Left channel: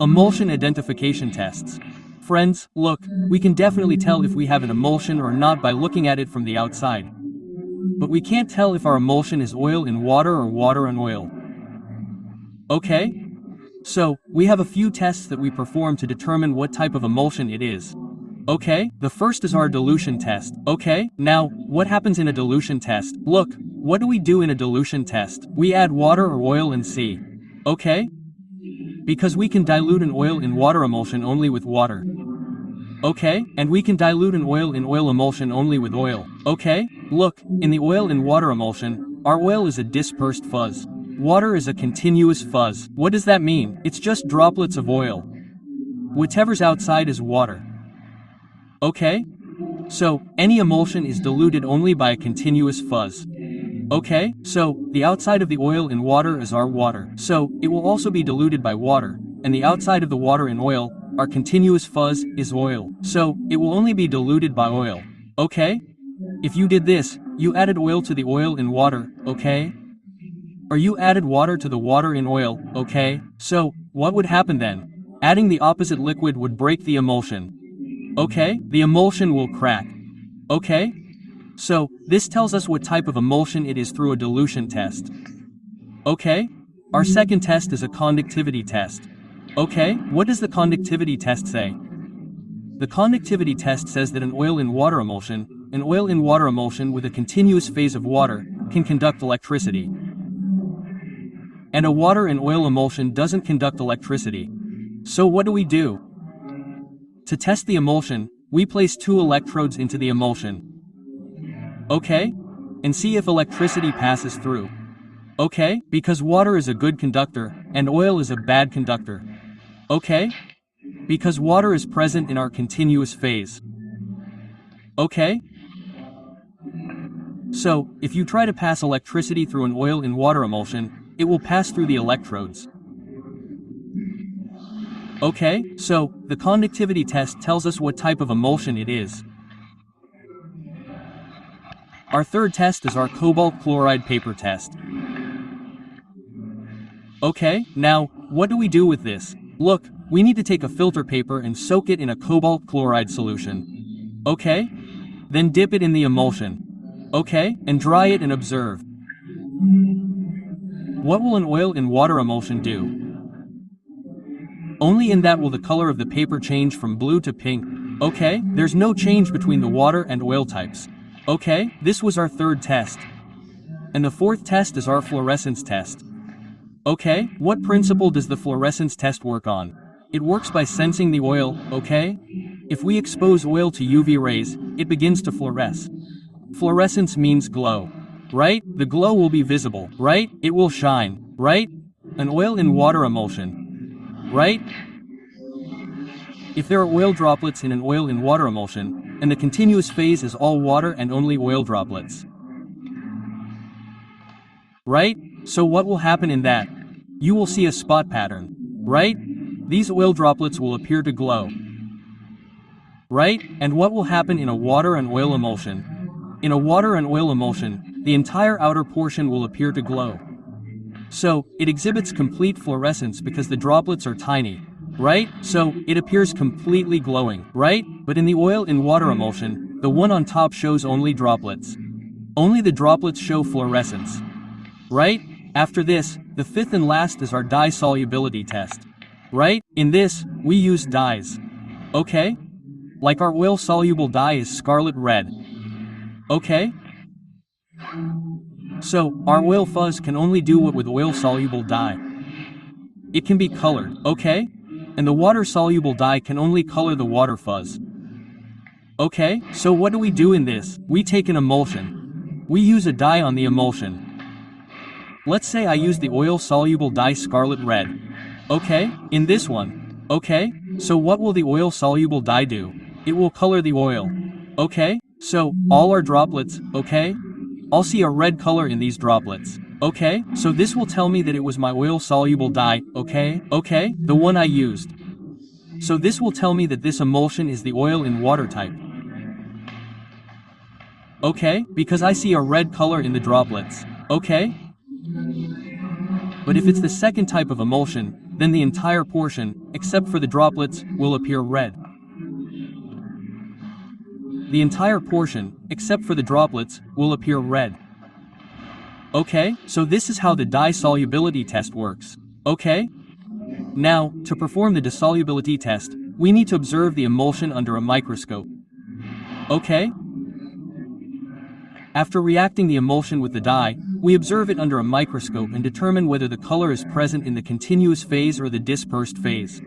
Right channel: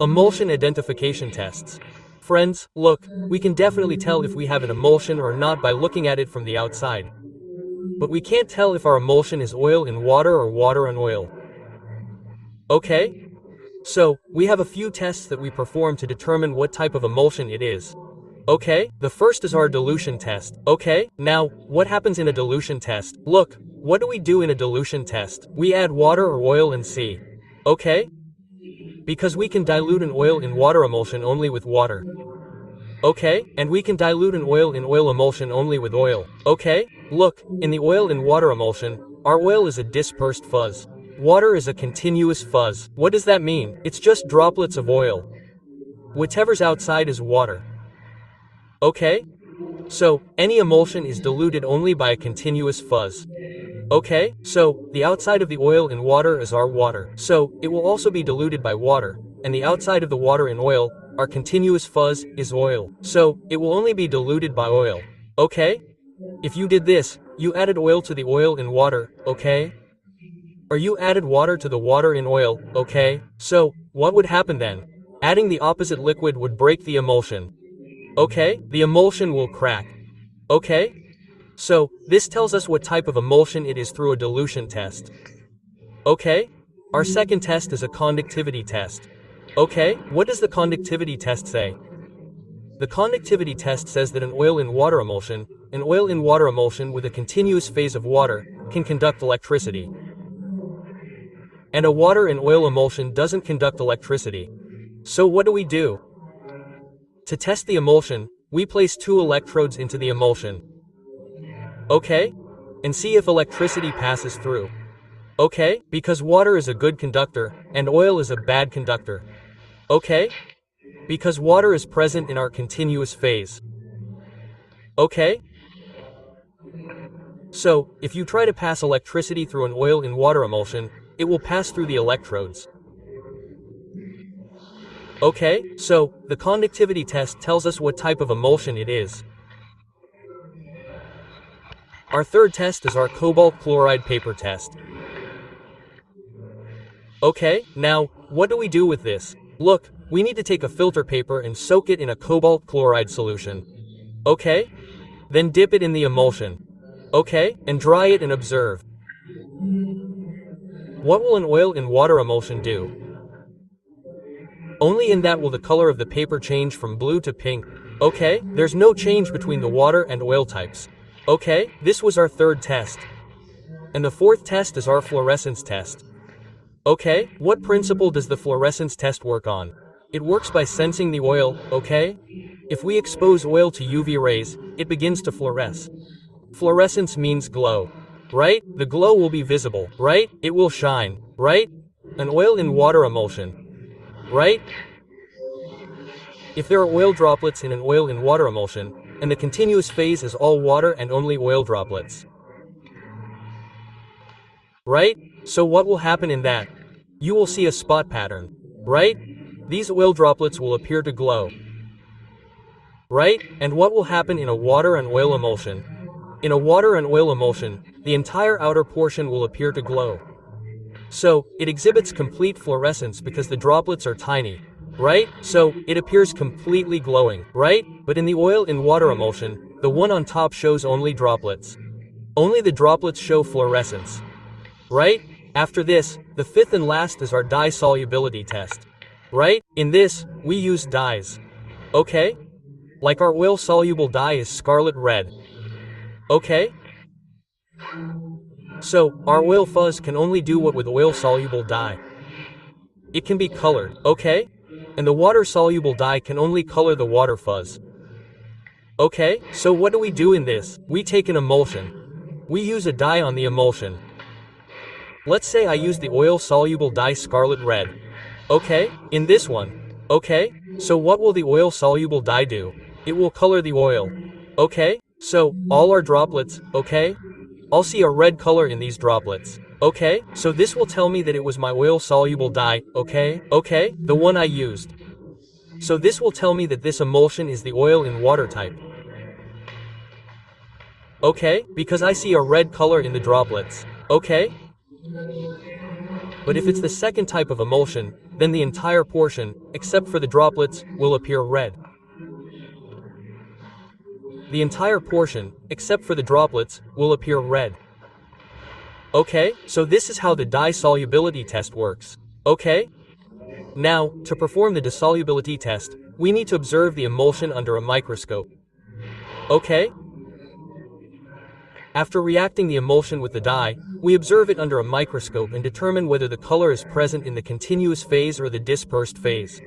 Emulsion identification tests. Friends, look, we can definitely tell if we have an emulsion or not by looking at it from the outside. But we can't tell if our emulsion is oil in water or water in oil. Okay? So, we have a few tests that we perform to determine what type of emulsion it is. Okay, the first is our dilution test. Okay, now, what happens in a dilution test? Look, what do we do in a dilution test? We add water or oil and see. Okay? Because we can dilute an oil in water emulsion only with water. Okay, and we can dilute an oil in oil emulsion only with oil. Okay, look, in the oil in water emulsion, our oil is a dispersed fuzz. Water is a continuous fuzz. What does that mean? It's just droplets of oil. Whatever's outside is water. Okay? So, any emulsion is diluted only by a continuous fuzz. Okay, so, the outside of the oil in water is our water. So, it will also be diluted by water, and the outside of the water in oil, our continuous fuzz, is oil. So, it will only be diluted by oil. Okay? If you did this, you added oil to the oil in water, okay? Or you added water to the water in oil, okay? So, what would happen then? Adding the opposite liquid would break the emulsion. Okay, the emulsion will crack. Okay? So, this tells us what type of emulsion it is through a dilution test. Okay? Our second test is a conductivity test. Okay, what does the conductivity test say? The conductivity test says that an oil in water emulsion with a continuous phase of water, can conduct electricity. And a water in oil emulsion doesn't conduct electricity. So what do we do? To test the emulsion, we place two electrodes into the emulsion. Okay? And see if electricity passes through. Okay? Because water is a good conductor, and oil is a bad conductor. Okay? Because water is present in our continuous phase. Okay? So, if you try to pass electricity through an oil in water emulsion, it will pass through the electrodes. Okay, so, the conductivity test tells us what type of emulsion it is. Our third test is our cobalt chloride paper test. Okay, now, what do we do with this? Look, we need to take a filter paper and soak it in a cobalt chloride solution. Okay? Then dip it in the emulsion. Okay, and dry it and observe. What will an oil in water emulsion do? Only in that will the color of the paper change from blue to pink. Okay, there's no change between the water and oil types. Okay, this was our third test. And the fourth test is our fluorescence test. Okay, what principle does the fluorescence test work on? It works by sensing the oil, okay? If we expose oil to UV rays, it begins to fluoresce. Fluorescence means glow. Right? The glow will be visible, right? It will shine, right? An oil in water emulsion. Right? If there are oil droplets in an oil in water emulsion, and the continuous phase is all water and only oil droplets. Right? So what will happen in that? You will see a spot pattern. Right? These oil droplets will appear to glow. Right? And what will happen in a water and oil emulsion? In a water and oil emulsion, the entire outer portion will appear to glow. So, it exhibits complete fluorescence because the droplets are tiny. Right? So, it appears completely glowing, right? But in the oil in water emulsion, the one on top shows only droplets. Only the droplets show fluorescence. Right? After this, the fifth and last is our dye solubility test. Right? In this, we use dyes. Okay? Like our oil-soluble dye is scarlet red. Okay? So, our oil fuzz can only do what with oil-soluble dye. It can be colored, okay? And the water-soluble dye can only color the water fuzz. Okay, so what do we do in this? We take an emulsion. We use a dye on the emulsion. Let's say I use the oil-soluble dye scarlet red. Okay, in this one. Okay, so what will the oil-soluble dye do? It will color the oil. Okay, so, all our droplets, okay? I'll see a red color in these droplets. Okay, so this will tell me that it was my oil-soluble dye, okay? Okay, the one I used. So this will tell me that this emulsion is the oil in water type. Okay, because I see a red color in the droplets. Okay? But if it's the second type of emulsion, then the entire portion, except for the droplets, will appear red. The entire portion, except for the droplets, will appear red. Okay, so this is how the dye solubility test works. Okay? Now, to perform the dissolubility test, we need to observe the emulsion under a microscope. Okay? After reacting the emulsion with the dye, we observe it under a microscope and determine whether the color is present in the continuous phase or the dispersed phase.